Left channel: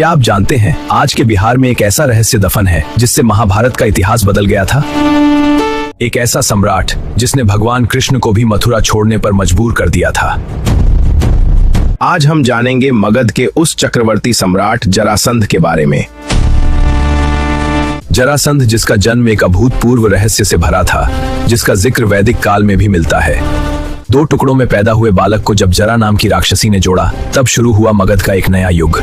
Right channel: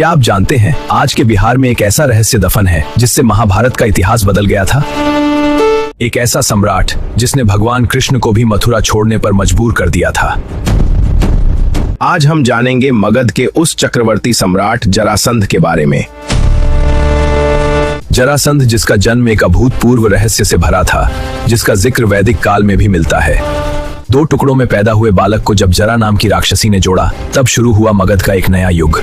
क्या आप जानते हैं आज के बिहार में एक ऐसा रहस्य दफन है जिससे महाभारत का इतिहास बदल गया था। एक ऐसा सम्राट जिसने भगवान कृष्ण को भी मथुरा छोड़ने पर मजबूर कर दिया था। आज हम जानेंगे मगध के उस चक्रवर्ती सम्राट जरासंध के बारे में। जरासंध जिसका जन्म एक अभूतपूर्व रहस्य से भरा था, जिसका जिक्र वैदिक काल में भी मिलता है। 2 टुकड़ों में पैदा हुए बालक को जब जरा नाम की राक्षसी ने जोड़ा, तब शुरू हुआ मगध का एक नया युग।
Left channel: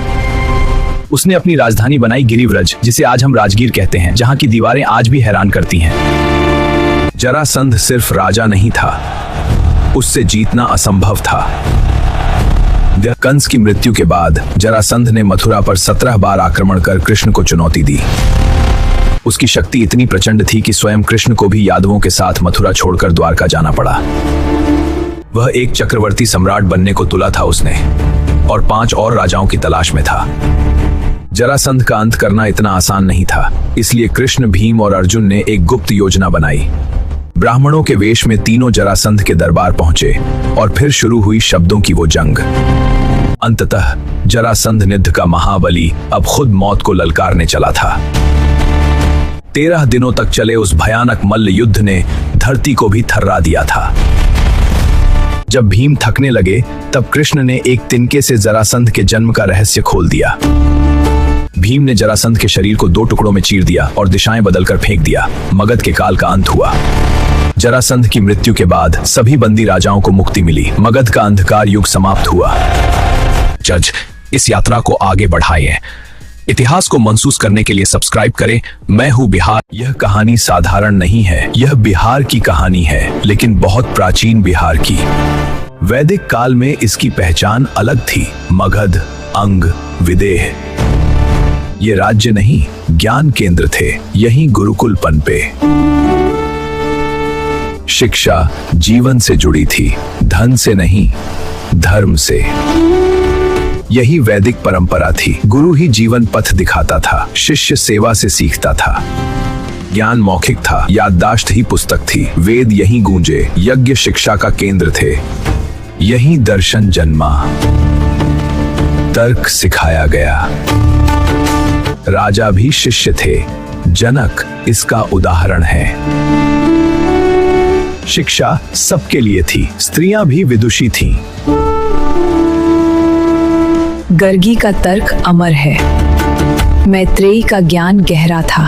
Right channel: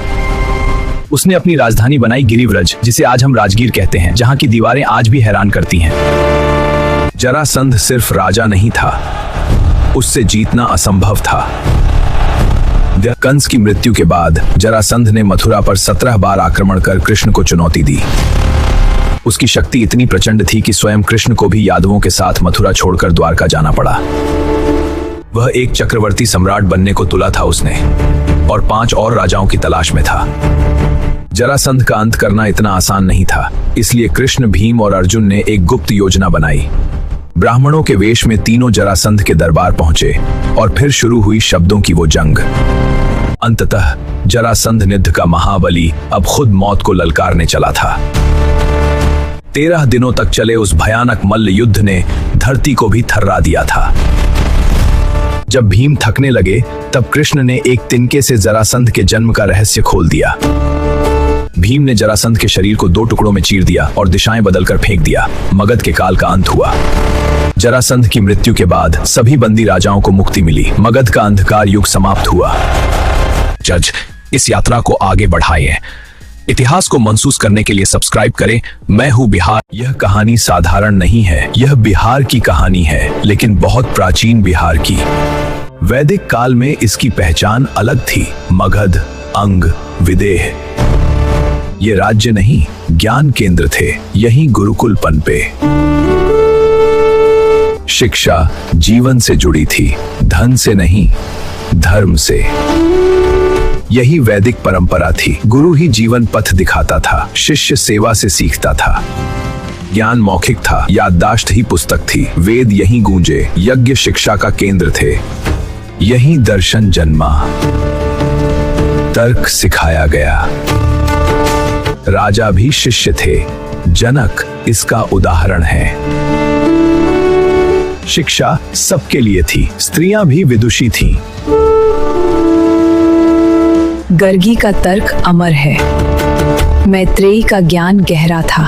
उसने अपनी राजधानी बनाई गिरिव्रज, जिसे आज हम राजगीर कहते हैं, जहां की दीवारें आज भी हैरान करती हैं। जरासंध सिर्फ राजा नहीं था, उससे जीतना असंभव था। कंस की मृत्यु के बाद जरासंध ने मथुरा पर 17 बार आक्रमण कर कृष्ण को चुनौती दी। उसकी शक्ति इतनी प्रचंड थी कि स्वयं कृष्ण को भी यादवों के साथ मथुरा छोड़कर द्वारका जाना पड़ा। वह एक चक्रवर्ती सम्राट बनने को तुला था उसने, और 5 और राजाओं की तलाश में था। जरासंध का अंत करना इतना आसान नहीं था, इसलिए कृष्ण, भीम और अर्जुन ने एक गुप्त योजना बनाई। ब्राह्मणों के वेश में तीनों जरासंध के दरबार पहुंचे और फिर शुरू हुई शब्दों की वो जंग। अंततः जरासंध निध का महाबली अब खुद मौत को ललकारने चला था। 13 दिनों तक चले उस भयानक मल्ल युद्ध ने धरती को भी थर्रा दिया था। जब भीम थकने लगे, तब कृष्ण ने एक तिनके से जरासंध के जन्म का रहस्य खोल दिया। भीम ने जरासंध के शरीर को 2 टुकड़ों में चीर दिया और दिशाएं बदलकर फेंक दिया। मगध के काल का अंत हुआ। जरासंध की मृत्यु के बाद सभी बंदी राजाओं को मुक्ति मिली। मगध का अंधकार युग समाप्त हुआ। जज, इस यात्रा को आगे बढ़ाइए। इतिहास को महसूस करने के लिए सब्सक्राइब करें। मैं हूं बिहार। यह कहानी साधारण नहीं है, यह बिहार की कहानी है, लेकिन बहुत प्राचीन बिहार की। वैदिक काल में इसकी पहचान अलग थी। मगध, अंग, विदेह, ये राज्य नहीं, ज्ञान केंद्र थे। यहीं गुरुकुल पनपे। शिक्षा जीवन से जुड़ी थी, धन से नहीं, धर्म से। यही वैदिक परंपरा थी। गुरु ही जीवन पथ दिखाता था, शिष्य सेवा से सीखता था। ज्ञान मौखिक था, याददाश्त ही पुस्तक थी। वेद यहीं गूंजे, यज्ञ शिक्षा का केंद्र थे। यहीं दर्शन जन्मा, तर्क सिखाया गया। राजा भी शिष्य थे। जनक इसका उदाहरण है। शिक्षा सबके लिए थी, स्त्रियां भी विदुषी थीं। गर्गी का तर्क अमर है, मैत्रेयी का ज्ञान गहरा था।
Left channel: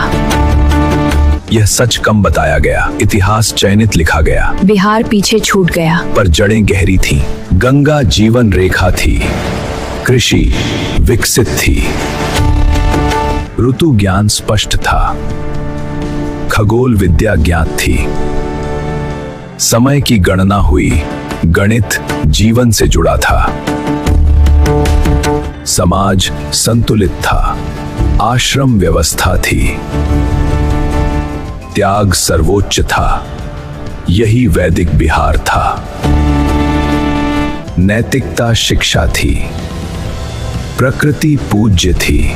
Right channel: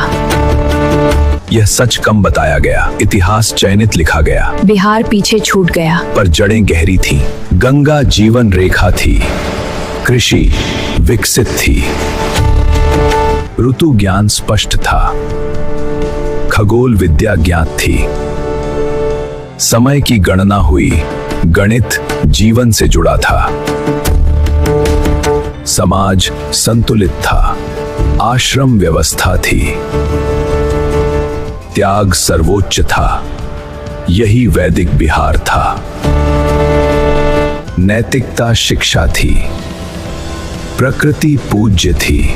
यह सच कम बताया गया, इतिहास चयनित लिखा गया। बिहार पीछे छूट गया, पर जड़ें गहरी थीं। गंगा जीवन रेखा थी, कृषि विकसित थी, ऋतु ज्ञान स्पष्ट था, खगोल विद्या ज्ञात थी, समय की गणना हुई, गणित जीवन से जुड़ा था, समाज संतुलित था, आश्रम व्यवस्था थी, त्याग सर्वोच्च था। यही वैदिक बिहार था। नैतिकता शिक्षा थी, प्रकृति पूज्य थी,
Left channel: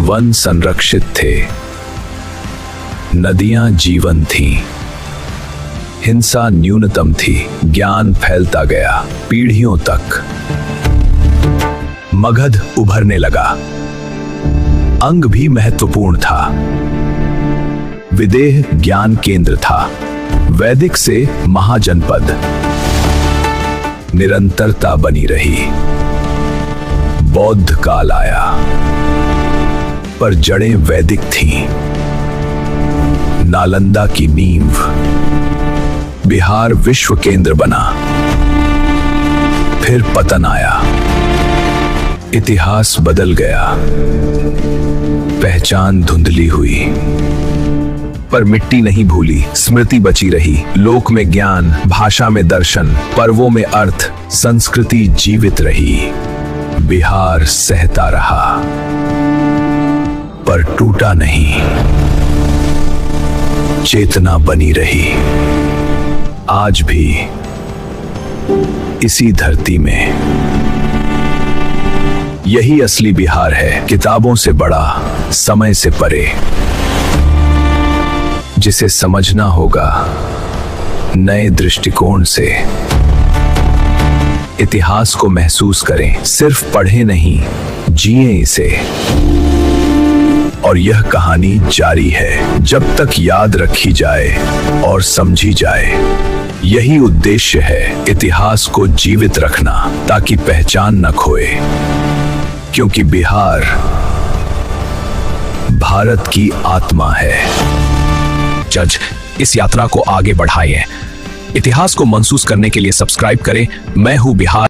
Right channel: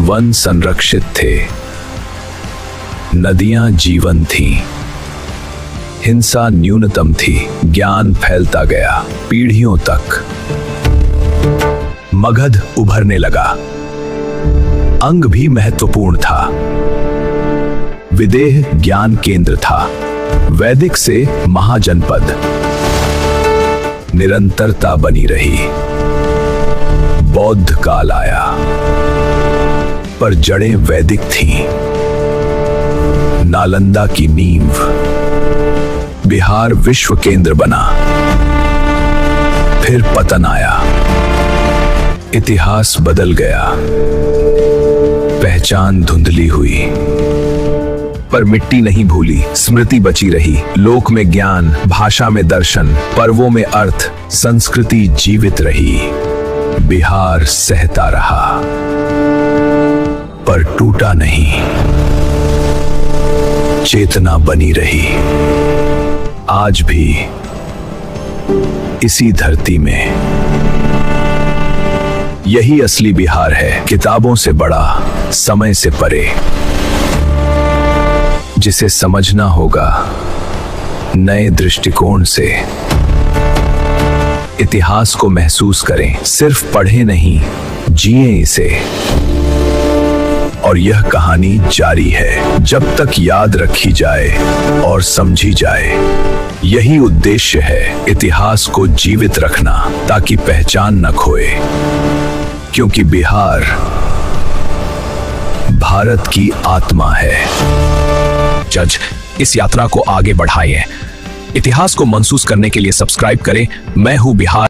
वन संरक्षित थे, नदियां जीवन थीं, हिंसा न्यूनतम थी, ज्ञान फैलता गया पीढ़ियों तक। मगध उभरने लगा। अंग भी महत्वपूर्ण था। विदेह ज्ञान केंद्र था। वैदिक से महाजनपद। निरंतरता बनी रही। बौद्ध काल आया, पर जड़ें वैदिक थीं। नालंदा की नींव। बिहार विश्व केंद्र बना। फिर पतन आया। इतिहास बदल गया। पहचान धुंधली हुई, पर मिट्टी नहीं भूली, स्मृति बची रही। लोक में ज्ञान, भाषा में दर्शन, पर्वों में अर्थ, संस्कृति जीवित रही। बिहार सहता रहा, पर टूटा नहीं। चेतना बनी रही। आज भी इसी धरती में। यही असली बिहार है, किताबों से बड़ा, समय से परे, जिसे समझना होगा नए दृष्टिकोण से। इतिहास को महसूस करें, सिर्फ पढ़े नहीं, जिए इसे। और यह कहानी जारी है जब तक याद रखी जाए और समझी जाए। यही उद्देश्य है इतिहास को जीवित रखना, ताकि पहचान न खोए। क्योंकि बिहार भारत की आत्मा है। जज, इस यात्रा को आगे बढ़ाएं। इतिहास को महसूस करने के लिए सब्सक्राइब करें। मैं हूं बिहार।